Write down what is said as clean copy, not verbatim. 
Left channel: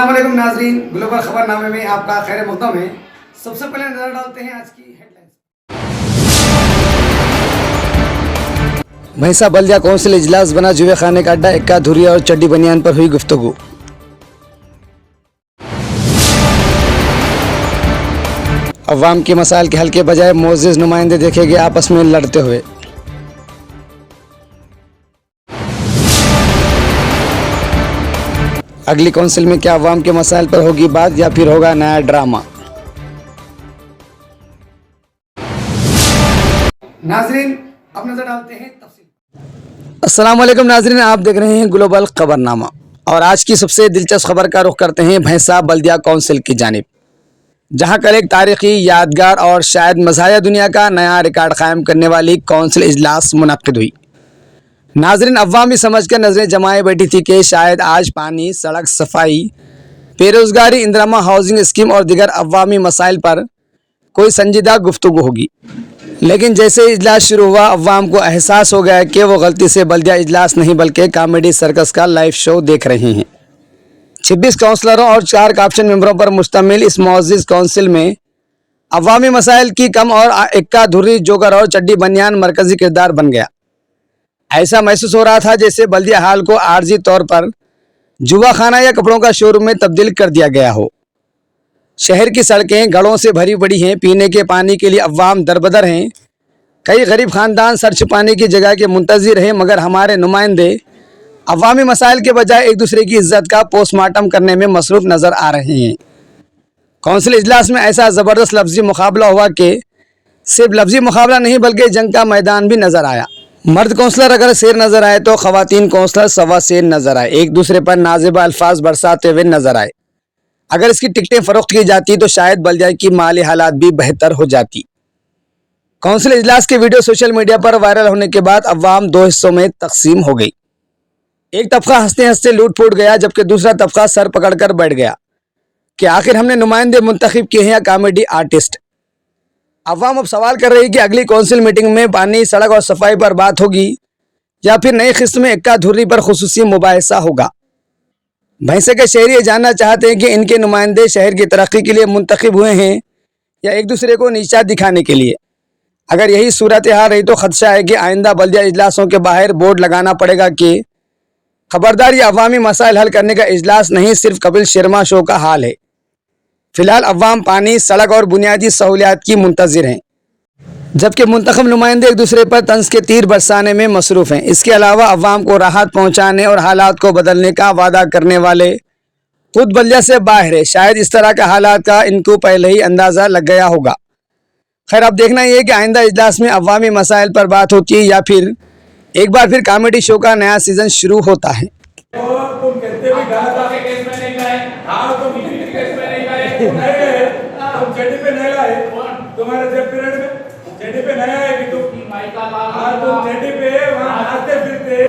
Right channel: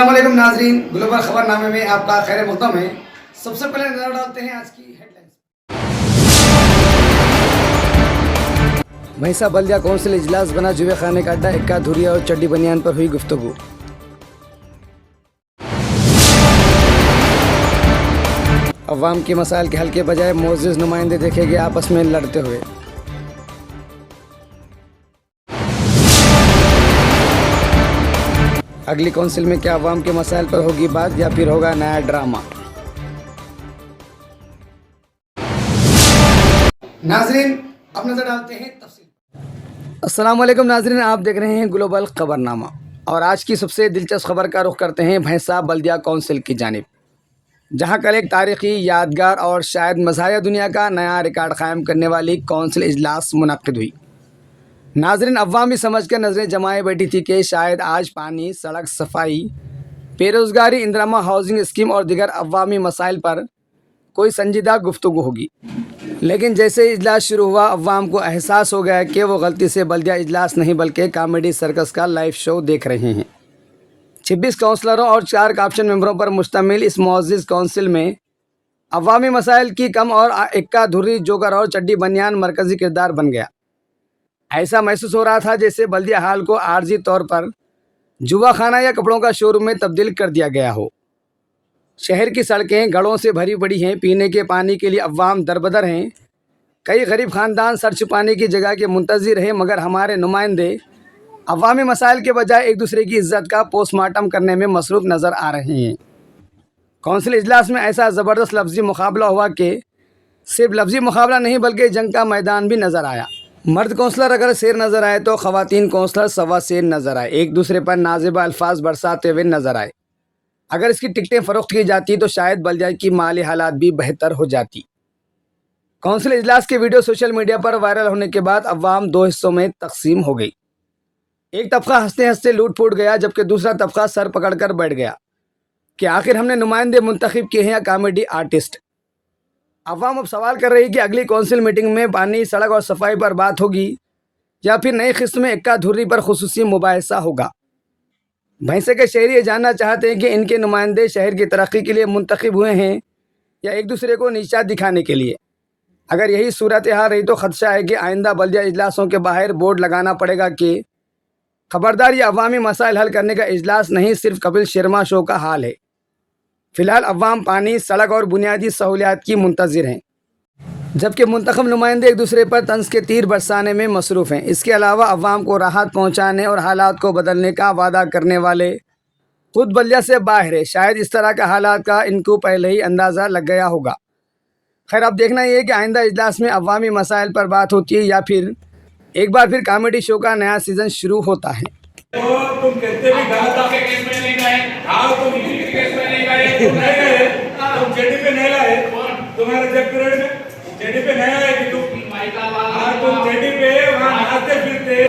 अस्सलाम वालेकुम नाजरीन, ग्लोबल खबरनामे में आपका खैर मक़दम है। सबसे पहले नजर डालते हैं आज की हेडलाइंस। भैंसा बल्दिया कौंसिल इजलास बना जुए खाने का अड्डा, इक्का धुरिया और चड्डी बनियान पर हुई गुफ्तगू। अवाम के मसाइल के हल के बजाय मोअज़्ज़िज़ नुमाइंदे देखे गए आपस में लड़ते हुए। अगली कौंसिल में क्या अवाम के मसाइल पर होगी बात या फिर होगा नया ड्रामा। नाजरीन अब नजर डालते हैं तफसील। अस्सलाम वालेकुम नाजरीन, आप देख रहे हैं ग्लोबल खबरनामा और आज की सबसे दिलचस्प खबर का रुख करते हैं भैंसा बल्दिया कौंसिल की जानिब, जहां कल एक तारीखी, यादगार और शायद मज़ाहिया दुनिया का नया रिकॉर्ड कायम करने वाली कौंसिल इजलास मुनक्किद हुई। नाजरीन अवाम भी समझ कर नजरें जमाए बैठी थी कि शायद आज पानी, सड़क, सफाई, बेरोजगारी, इंदिरा हाउसिंग स्कीम और दिगर अवामी मसाइल पर कोई संजीदा गुफ्तगू होगी। लेकिन जैसे इजलास शुरू हुआ, अवाम को एहसास हो गया कि वो गलती से बल्दिया इजलास नहीं बल्कि कॉमेडी सर्कस का लाइव शो देख रहे हैं। 26 काउंसलरों और 4 काप्शन मेंबरों पर मुश्तमिल इस मुअज़्ज़िज़ काउंसिल में अवामी मसाइल की कम और इक्का धुर्री, जोकर और चड्डी बनियान मरकजी किरदार बन गया। ऐसा महसूस हो रहा था जैसे बल्दिया हाल को आर्जी तौर पर जुआ खाना या कपड़ों का शोरूम में तब्दील कर दिया गया हो। शहर की सड़कें गड़ों से भरी पड़ी हैं, पीने के पानी के लिए अवाम दरबदर हैं। कई गरीब खानदान सर छुपाने की जगह के मुंतज़िर हैं, मगर हमारे नुमाइंदे अवामी मसाइल के बजाय एक दूसरे की इज्जत का पोस्टमार्टम करने में मसरूफ़ नज़र आ रहे हैं। कौंसिल इजलास में ऐसा ज़बरदस्त लफ्ज़ी मुकाबला हुआ कि सिर्फ लफ्ज़ी मुकाबला नहीं बल्कि जंग का मैदान भी नज़र आया। मर्द काउंसलर अगर शेर नज़र आए तो ख़वातीन काउंसलर सवा शेर नज़र आए, एक दूसरे पर नाज़िबा अल्फाज बरसाते हुए नज़र आए। अगर इसकी टिकटें फ़रोख्त की जाती तो शायद बल्दिया की माली हालात भी बेहतर हो जाती। कौंसिल इजलास के वीडियो सोशल मीडिया पर वायरल होने के बाद अवाम 2 हिस्सों में तकसीम हो गई। एक तबका हंसते हंसते लूट फूट गया, जबकि दूसरा तबका सर पकड़ कर बैठ गया कि आखिर हमने नुमाइंदे मुंतखब किए हैं या कॉमेडी आर्टिस्ट। अवाम अब सवाल कर रही है कि अगली कौंसिल मीटिंग में पानी, सड़क और सफाई पर बात होगी या फिर नई किस्त में इक्का धुर्री पर खुसूसी मुबाहिसा होगा। भैंसे के शहरी ये जानना चाहते हैं कि इनके नुमाइंदे शहर की तरक्की के लिए मुंतखब हुए हैं या एक दूसरे को नीचा दिखाने के लिए। अगर यही सूरत हाल रही तो खदशा है कि आइंदा बल्दिया इजलासों के बाहर बोर्ड लगाना पड़ेगा कि खबरदार, ये अवामी मसाइल हल करने का इजलास नहीं, सिर्फ कपिल शर्मा शो का हाल है। फिलहाल अवाम पानी, सड़क और बुनियादी सहूलियात की मुंतज़िर हैं, जबकि मुंतखब नुमाइंदे एक दूसरे पर तंज के तीर बरसाने में मसरूफ़ हैं। इसके अलावा अवाम को राहत पहुँचाने और हालात को बदलने का वादा करने वाले खुद बल्दिया से बाहर है। शायद इस तरह का हालात का इनको पहले ही अंदाज़ा लग गया होगा। खैर, अब देखना ये है कि आइंदा इजलास में अवामी मसाइल पर बात होती है या फिर एक बार फिर कॉमेडी शो का नया सीजन शुरू होता है। तुम कहते भी गलत आपके केस में नहीं गए, हाँ तुम किसी केस में नहीं गए, तुम नहीं गए, तुम जेडी पे नहीं लाए, तुम्हारे जब पीरियड में जेडी पे नहीं आए कि तुम हाँ तुम जेडी पे वहाँ नाचते फिरते